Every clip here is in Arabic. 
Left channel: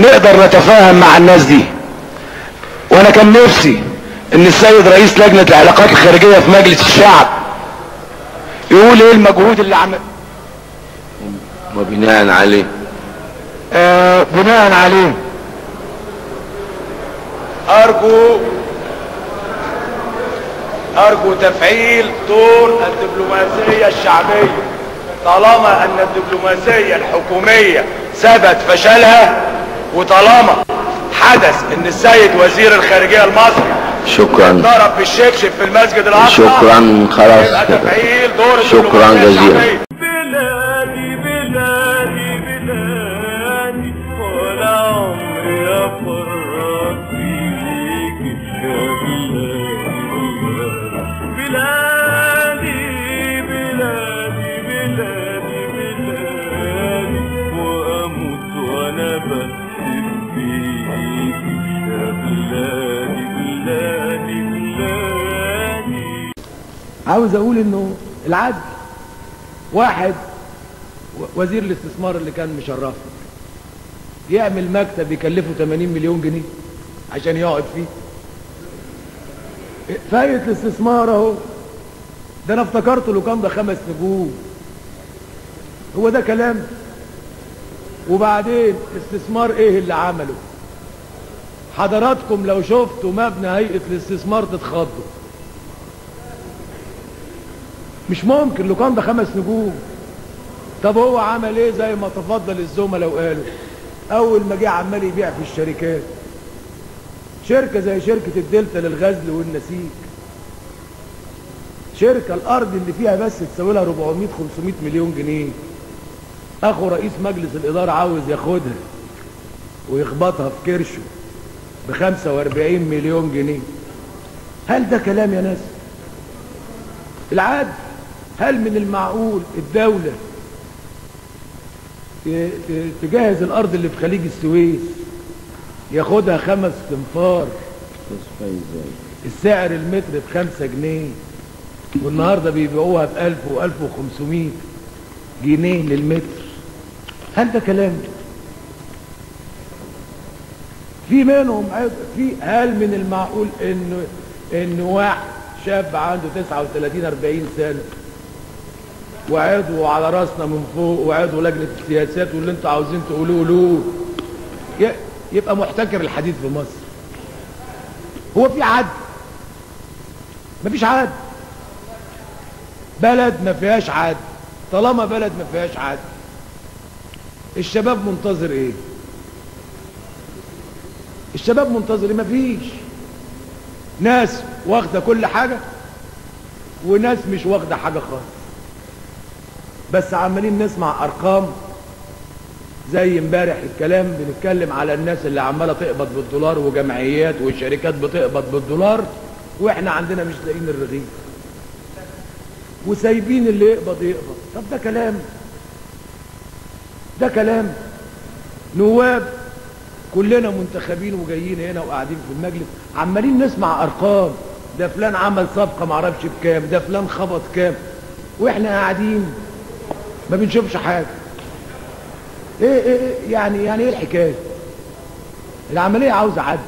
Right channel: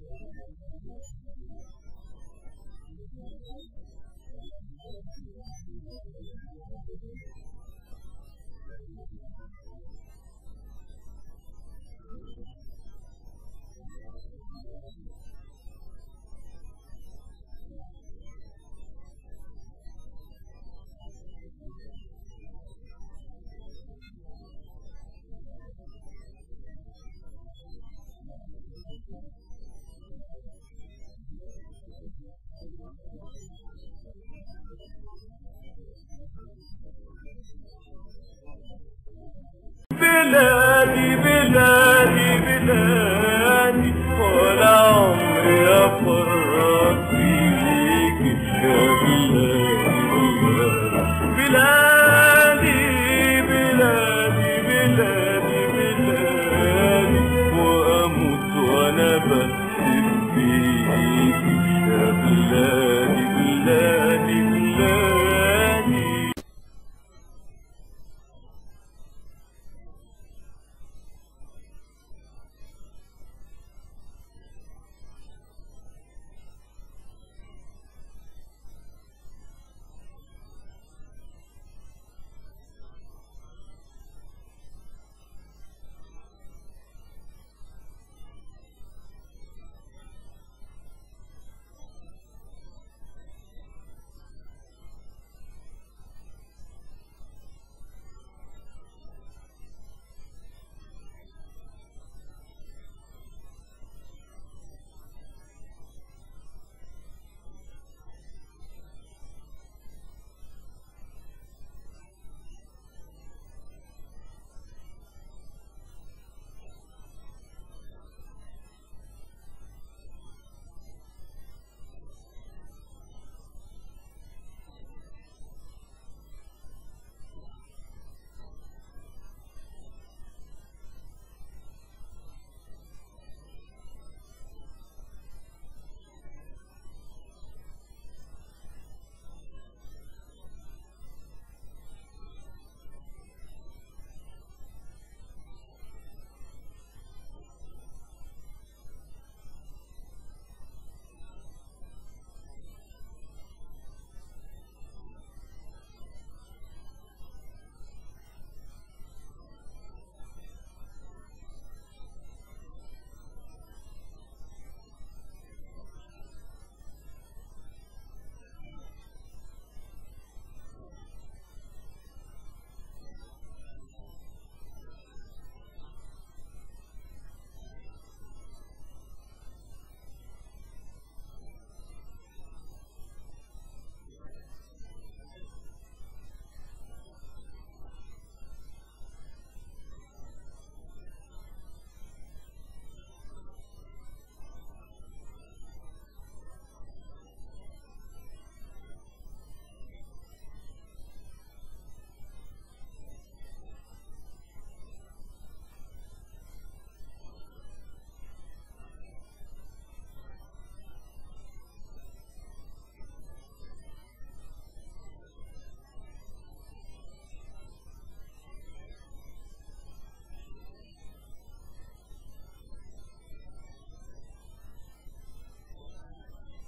نقدر نتفاهم مع الناس دي. وانا كان نفسي ان السيد رئيس لجنة العلاقات الخارجية في مجلس الشعب يقول ايه المجهود اللي عمل وبناء عليه بناء عليه ارجو تفعيل دور الدبلوماسية الشعبية، طالما ان الدبلوماسية الحكومية ثبت فشلها، وطالما حدث ان السيد وزير الخارجية المصري شكرا ضرب بالشكشك في المسجد الاقصى، شكرا خلاص يبقى كده. تفعيل دور شكرا جزيلا. بلادي بلادي بلادي ولا عمري افرط فيك يا بلادي بلادي بلادي بلادي واموت وانا بكتب فيك يا بلادي بلادي بلادي. عاوز اقول انه العدل، واحد وزير الاستثمار اللي كان مشرفنا يعمل مكتب يكلفه 80 مليون جنيه عشان يقعد فيه. فايت الاستثمار اهو، ده انا افتكرته لو كان ده 5 نجوم. هو ده كلام؟ وبعدين استثمار ايه اللي عمله؟ حضراتكم لو شفتوا مبنى هيئة الاستثمار تتخضوا. مش ممكن لو كان ده 5 نجوم. طب هو عمل ايه؟ زي ما تفضل الزملاء وقالوا، اول ما جه عمال يبيع في الشركات، شركة زي شركة الدلتا للغزل والنسيج، شركة الارض اللي فيها بس تساوي لها 400-500 مليون جنيه، اخو رئيس مجلس الادارة عاوز ياخدها ويخبطها في كرشه ب45 مليون جنيه. هل ده كلام يا ناس؟ العدل. هل من المعقول الدولة تجهز الارض اللي في خليج السويس ياخدها 5 تنفار، السعر المتر ب5 جنيه، والنهاردة بيبيعوها ب1000 و1500 جنيه للمتر؟ هل ده كلام؟ في منهم هل من المعقول انه واحد شاب عنده 39-40 سنة وعضو على راسنا من فوق وعضو لجنة السياسات واللي انتوا عاوزين تقولوه يبقى محتكر الحديد في مصر؟ هو في عدل؟ مفيش عدل. بلد ما فيهاش عدل. طالما بلد ما فيهاش عدل، الشباب منتظر ايه؟ الشباب منتظر ايه؟ مفيش. ناس واخده كل حاجه وناس مش واخده حاجه خالص، بس عمالين نسمع ارقام. زي امبارح الكلام بنتكلم على الناس اللي عماله تقبض بالدولار وجمعيات وشركات بتقبض بالدولار، واحنا عندنا مش لاقيين الرغيف وسايبين اللي يقبض. طب ده كلام؟ ده كلام؟ نواب كلنا منتخبين وجايين هنا وقاعدين في المجلس عمالين نسمع ارقام، ده فلان عمل صفقه معرفش بكام، ده فلان خبط كام، واحنا قاعدين ما بنشوفش حاجه. ايه يعني ايه الحكايه؟ العمليه عاوزه عدل.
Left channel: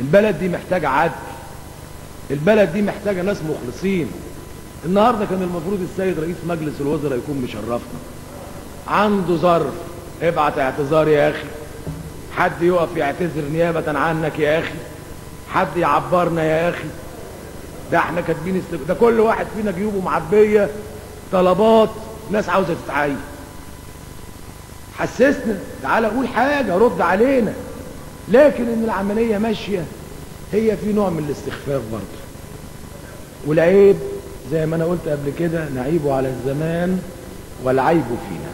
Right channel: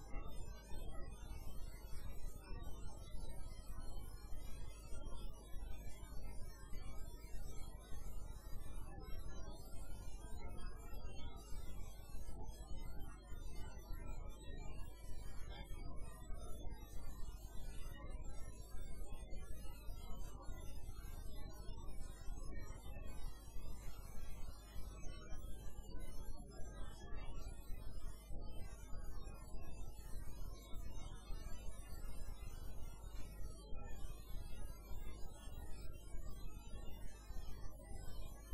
البلد دي محتاجه عدل. البلد دي محتاجه ناس مخلصين. النهارده كان المفروض السيد رئيس مجلس الوزراء يكون مشرفنا، عنده ظرف، ابعت اعتذار يا اخي، حد يقف يعتذر نيابه عنك يا اخي، حد يعبرنا يا اخي. ده احنا كاتبين ده كل واحد فينا جيوبه معبيه طلبات ناس عاوزه تتعين. حسسنا، تعالى قول حاجه، رد علينا. لكن ان العمليه ماشيه هي في نوع من الاستخفاف برضه. والعيب زي ما انا قلت قبل كده، نعيبه على الزمان والعيب فينا.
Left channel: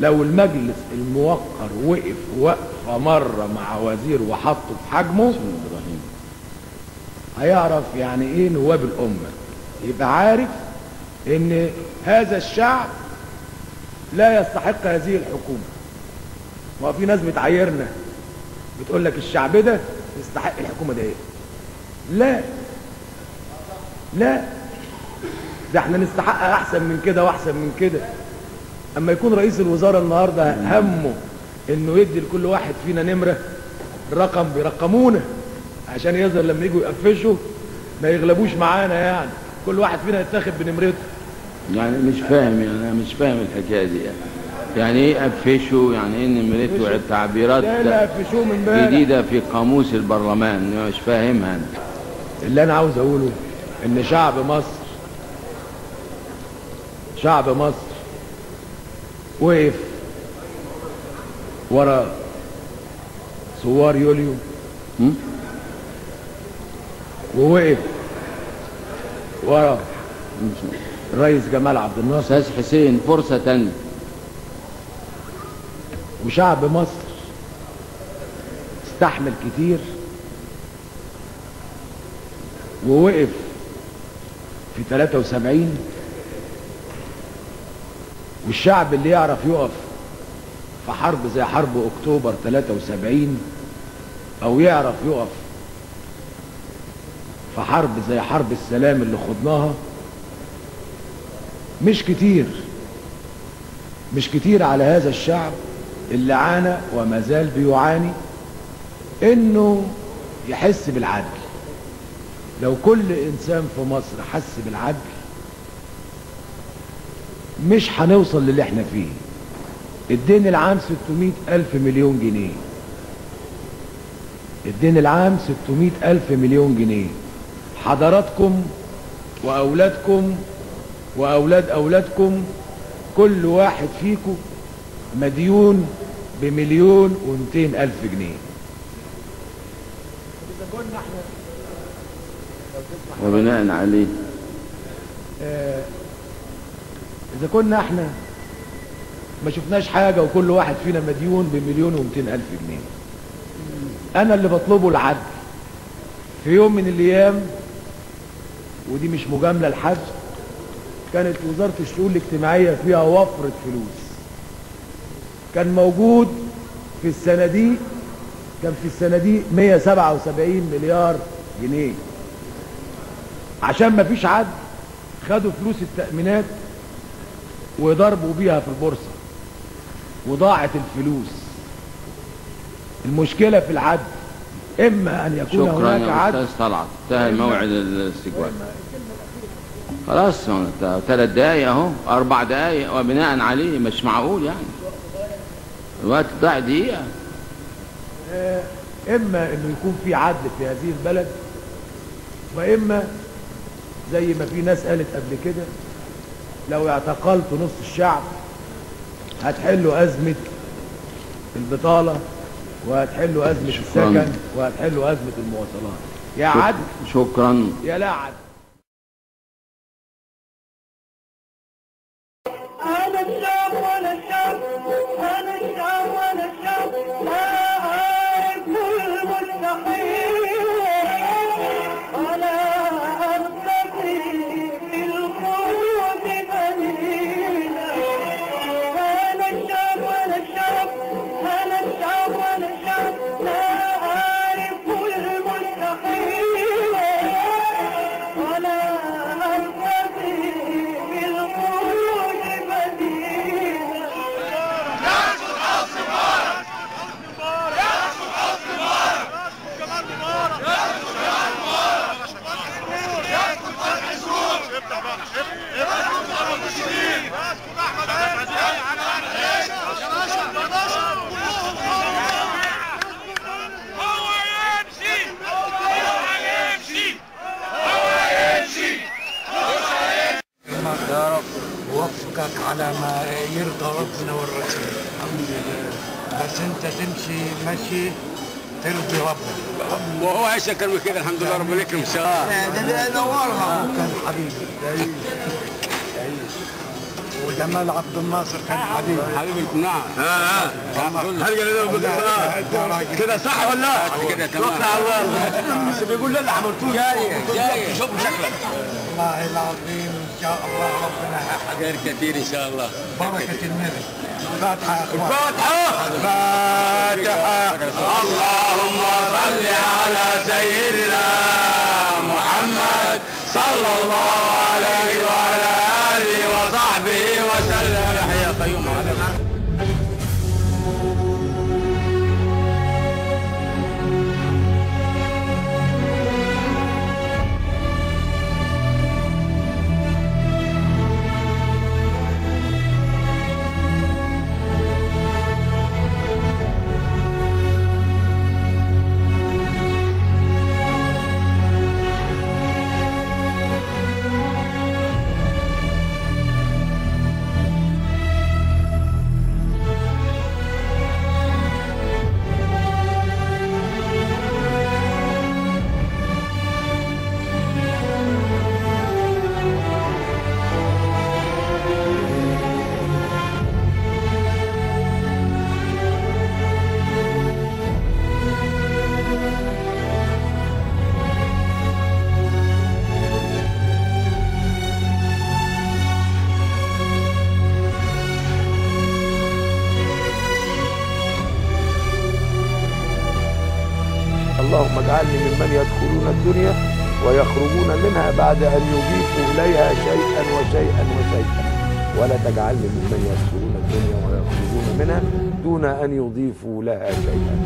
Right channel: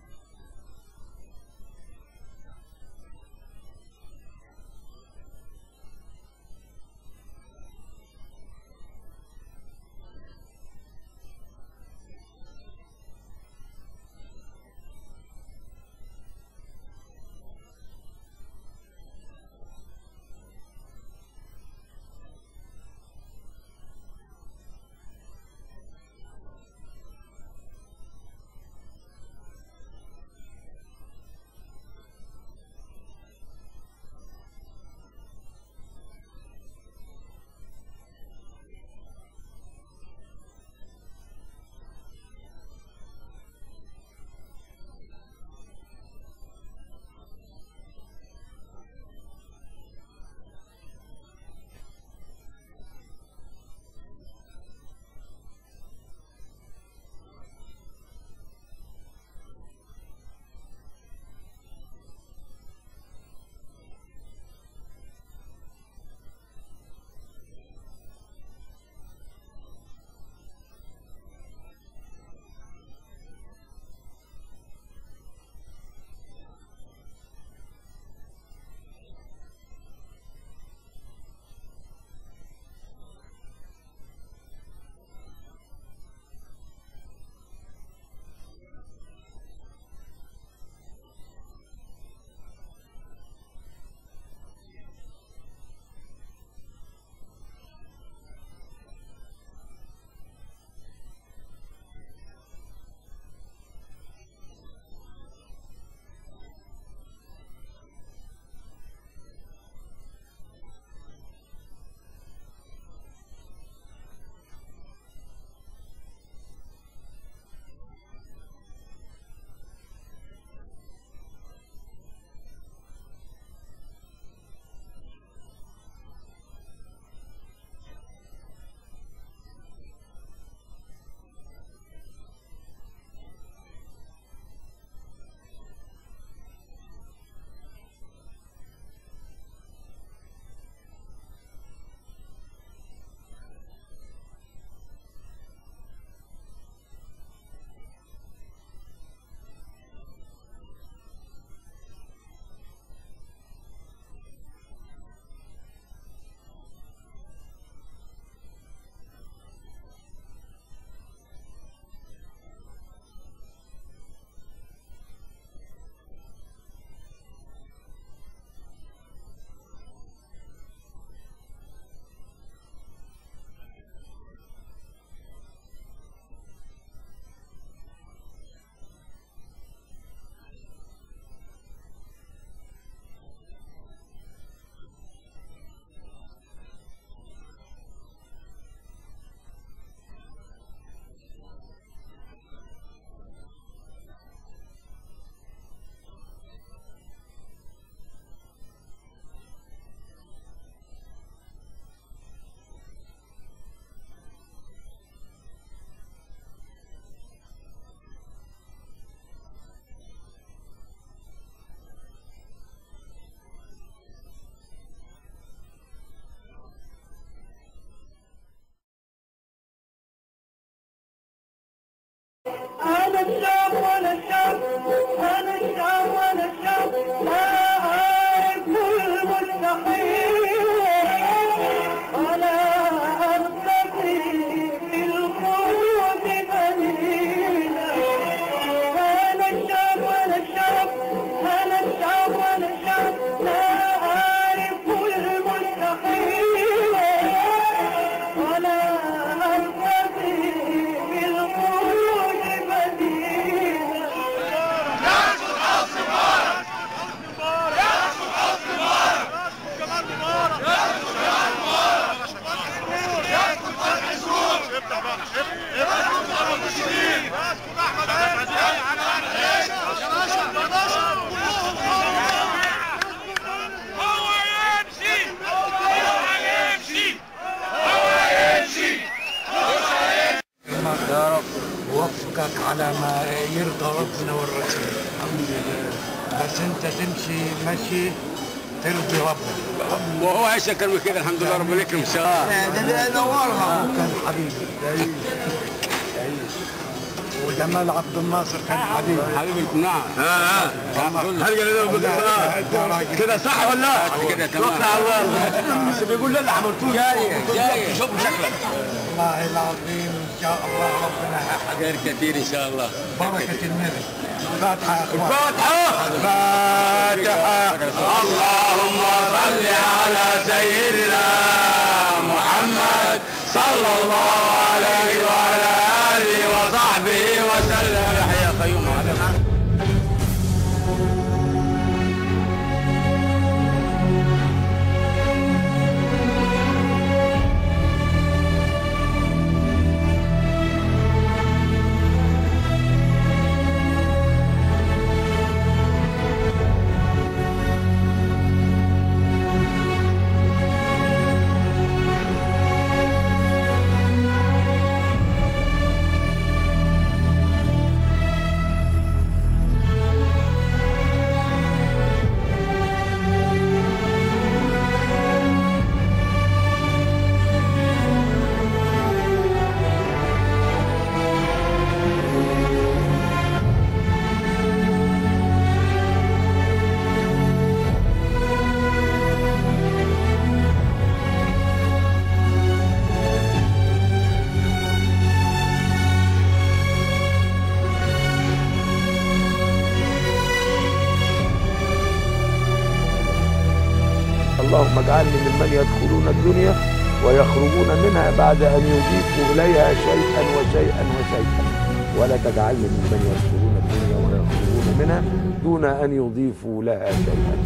لو المجلس الموقر وقف وقفه مره مع وزير وحطه في حجمه هيعرف يعني ايه نواب الامه، يبقى عارف ان هذا الشعب لا يستحق هذه الحكومه. وفي ناس بتعايرنا بتقول لك الشعب ده يستحق الحكومه ده ايه؟ لا لا، ده احنا نستحق احسن من كده واحسن من كده. اما يكون رئيس الوزراء النهارده همه انه يدي لكل واحد فينا نمرة، الرقم بيرقمونا عشان يظهر لما يجوا يقفشوا ما يغلبوش معانا، يعني كل واحد فينا يتاخد بنمرته. يعني مش فاهم، يعني انا مش فاهم الحكايه دي. يعني ايه قفشوا؟ يعني ايه نمرته؟ التعبيرات لا قفشوه من بالك جديده في قاموس البرلمان، مش فاهمها انا. اللي انا عاوز اقوله ان شعب مصر وقف ورا ثوار يوليو، ووقف ورا الرئيس جمال عبد الناصر. استاذ حسين فرصه تانية. وشعب مصر استحمل كتير ووقف في 73. والشعب اللي يعرف يقف في حرب زي حرب اكتوبر 73 او يعرف يقف في حرب زي حرب السلام اللي خضناها مش كتير على هذا الشعب اللي عانى وما زال بيعاني انه يحس بالعدل. لو كل انسان في مصر حس بالعدل مش هنوصل للي احنا فيه. الدين العام 600,000 مليون جنيه، الدين العام 600,000 مليون جنيه. حضراتكم واولادكم واولاد اولادكم كل واحد فيكم مديون ب1,200,000 جنيه. وبناء عليه إذا كنا احنا ما شفناش حاجة وكل واحد فينا مديون ب1,200,000 جنيه، أنا اللي بطلبه العدل. في يوم من الأيام، ودي مش مجاملة لحد، كانت وزارة الشؤون الاجتماعية فيها وفرة فلوس. كان موجود في الصناديق 177 مليار جنيه. عشان ما فيش عدل خدوا فلوس التأمينات وضربوا بيها في البورصة وضاعت الفلوس. المشكلة في العدل، إما أن يكون هناك عدل. شكرا يا أستاذ طلعت، انتهى موعد الاستجواب. خلاص 3 دقايق اهو، 4 دقايق، وبناء عليه مش معقول يعني الوقت ضاع دقيقة. إما إنه يكون في عدل في هذه البلد، وإما زي ما في ناس قالت قبل كده لو اعتقلت نص الشعب هتحلوا أزمة البطالة وهتحلوا أزمة السكن وهتحلوا أزمة المواصلات. يا عدل شكرا يا لا عدل. أنا الشعب وأنا الشعب، أنا الشعب وأنا الشعب، لا أعرف المستحيل ولا أرتقي في الخلود قليلا. أنا الشعب وأنا الشعب، أنا الشعب وأنا الشعب، لا أعرف المستحيل ولا أرتقي في الخلود بديلا. يا رب وفقك على ما يرضى ربنا والرسول. الحمد لله. بس انت تمشي مشي ترضي ربنا. وهو عايش اكتر من كده الحمد لله ربنا يكرم ان شاء الله. ده نورها. كان حبيبي تعيش. وجمال عبد الناصر كان حبيبي. حبيبي نعم. كده صح ولا لا؟ كده تمام. بس بيقول لي اللي عملتوه جاي شوف شكلك. والله العظيم ان شاء الله ربنا خير كثير ان شاء الله. بركة النبي. الفاتحة يا اخوان. الفاتحة. اللهم صل على سيدنا محمد صلى الله عليه وعلى آله وصحبه وسلم. يحيى قيوم على اللهم اجعلني ممن يدخلون الدنيا ويخرجون منها بعد أن يضيفوا إليها شيئا وشيئا وشيئا، ولا تجعلني ممن يدخلون الدنيا ويخرجون منها دون أن يضيفوا لها شيئا.